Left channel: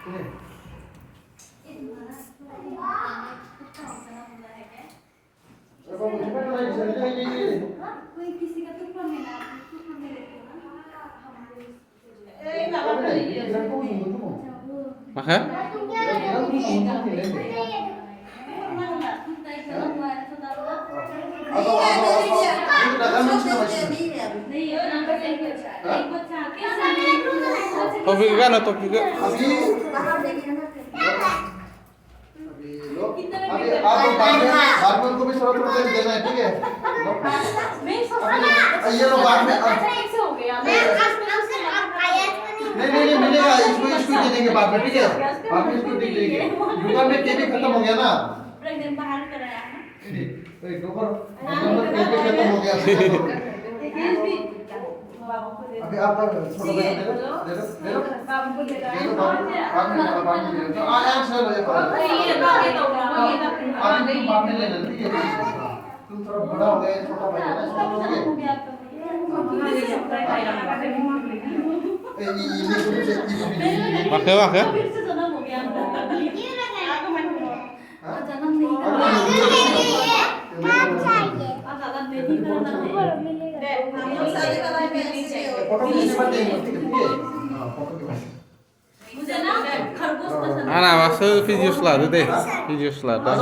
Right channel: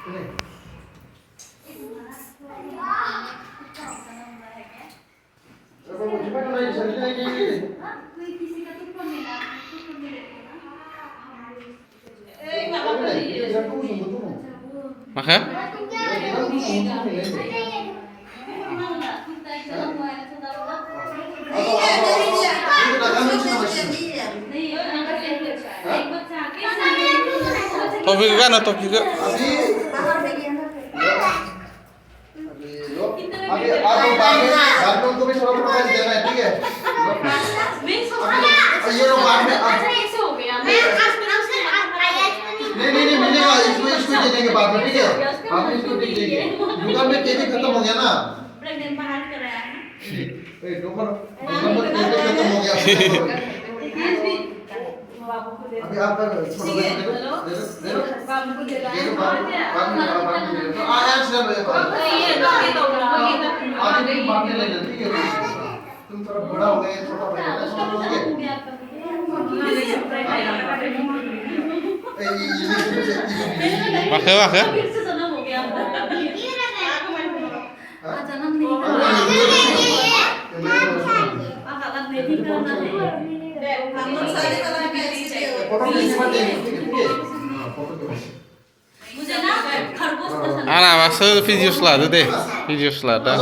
कोई किसी का तुक्का मिला तुक्का मिले Maka? Topik kan atau topik kan? अभी आप बाद में उनको भी थोड़ा थोड़ा पैसे देना है, ठीक है? ये लोग बाद में नहीं मिलेगा, इसको दे देंगे बाद में, ठीक है? बाद में इसको दे देंगे। दुकान में केबी खत्म हो गया ना? दुकान में केबी खत्म हो गया। अभी आप छोटा पैसा दे दो। बाबू को दे दो। अभी बाद में लेना, ठीक है? तुम थोड़ा बड़ा हो गए, छोटा पैसा ना, ठीक है? Maka maka? Anak masa video selada deh, video selada.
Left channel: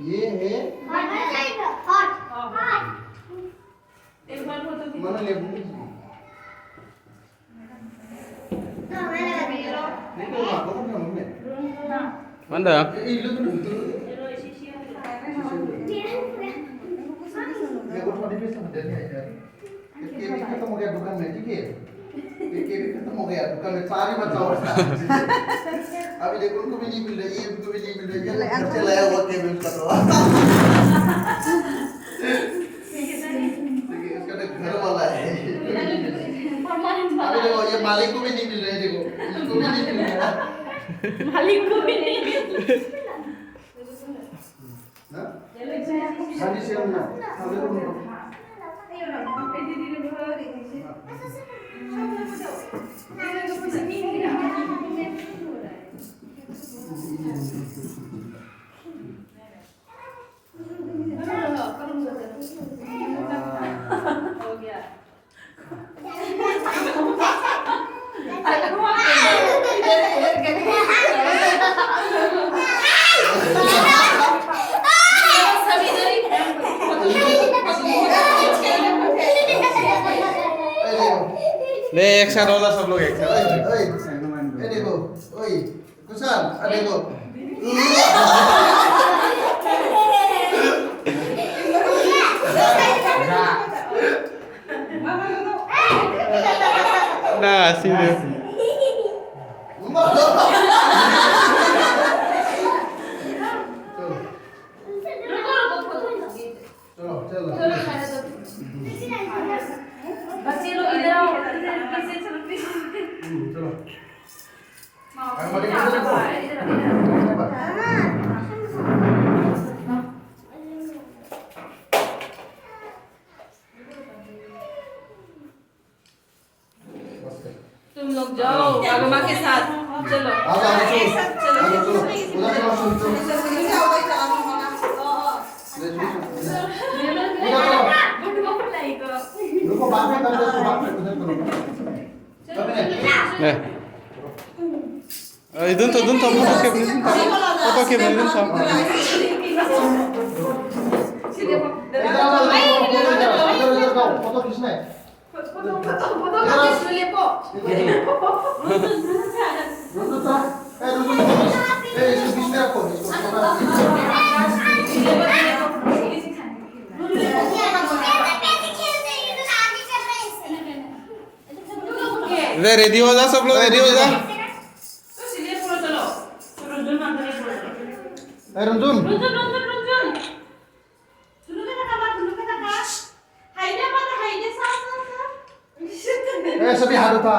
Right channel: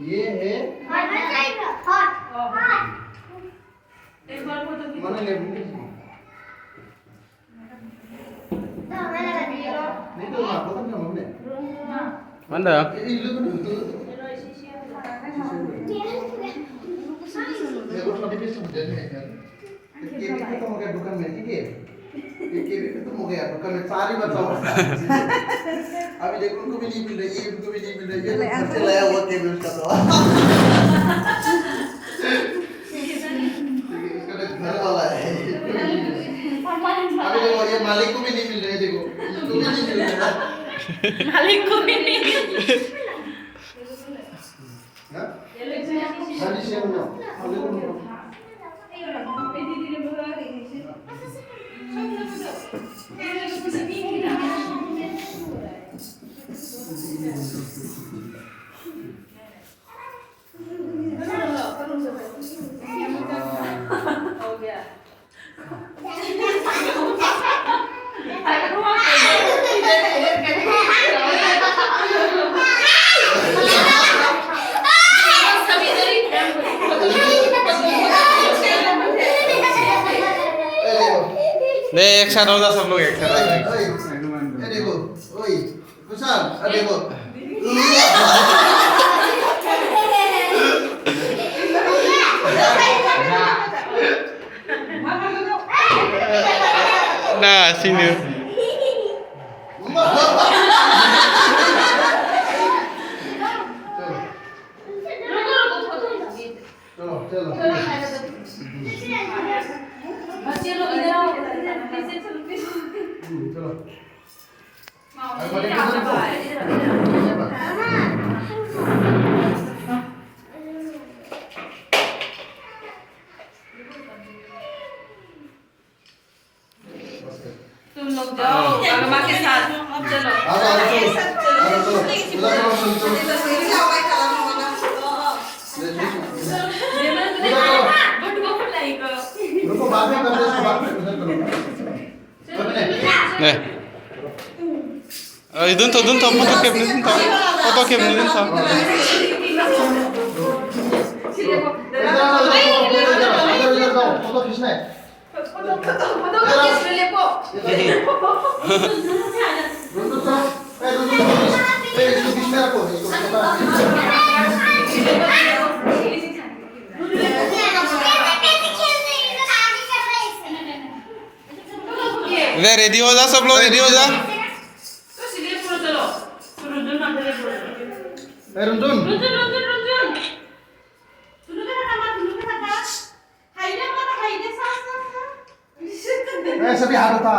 ये है mana ले नहीं तो आपको तो हमने Mana? ये लो तो ये वो छोटी पीस मुझे है यार ये भी खत्म हो गया दुकान में, ठीक है? ये भी खत्म हो गया दुकान में, सारी बचा हुआ अभी देखो उनको भी नहीं मिल रही, ये उनको भी नहीं मिल रही, ये घर से लाया हुआ केबल का तो घर वाला है। अभी देखो ये मालिक को भी नहीं मिल रहे, देखो इसको भी नहीं मिल रहा, मालिक को भी नहीं ना? अभी से हम लोग अभी को ले एक साथ हो जा सब लोग एक साथ। ये देखो, ओए कुशाल, अब देखो Nah, sini. चलो बच्चे लोग इधर आओ, कैसे चलते चलो तुम लोग जाओ मामा के साथ, चलो रुको बाद में कर दे, इसको बाद में करो। Nih. Idun tuh foto cap nih, foto cap nih tuh. इधर जाओ, फोटो खींचना है। फोटो खींच ले को इसको बीच में रखो, इसको ले रेडी हो जा सब लोग रेडी हो जा Eh, Runjun. Eh, सभी हाथ उठा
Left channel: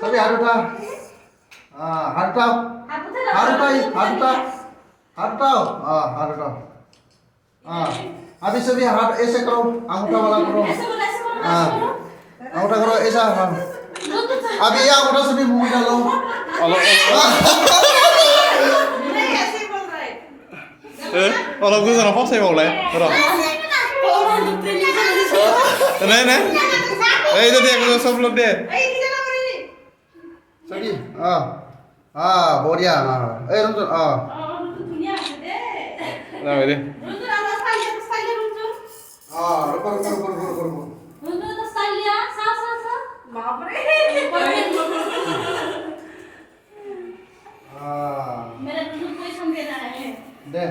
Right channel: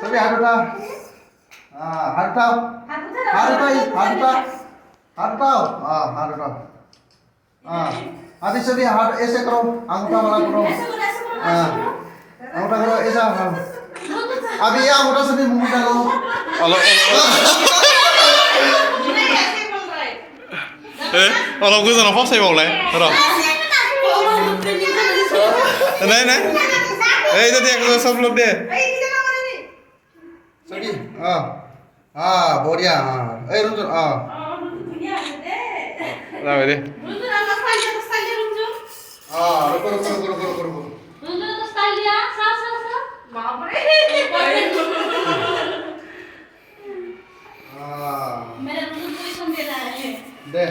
सभी हाथ उठा हाथ उठाओ हाथ उठाओ हाथ उठाओ हाथ उठाओ हाथ उठाओ अभी सभी हाथ ऐसे करो अंगूठा वाला करो अंगूठा करो ऐसा अभी ये अंगूठा सभी मुंह में डालोเราคือสนองพ่อใส่บอกเลยหรอnày này đây tôi देखो सब लोग दे सभी बढ़िया ए रुंजन ना về đi रुको रुको रुको रुको रुको दे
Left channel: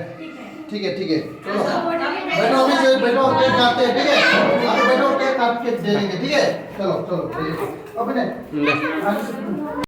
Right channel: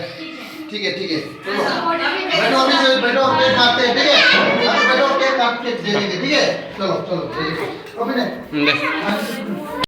ठीक है चलो बैठो अभी से बैठो केक काटते हैं ठीक है अभी बैठो केक काट के दे देंगे ठीक है चलो चलो अभी नहीं दे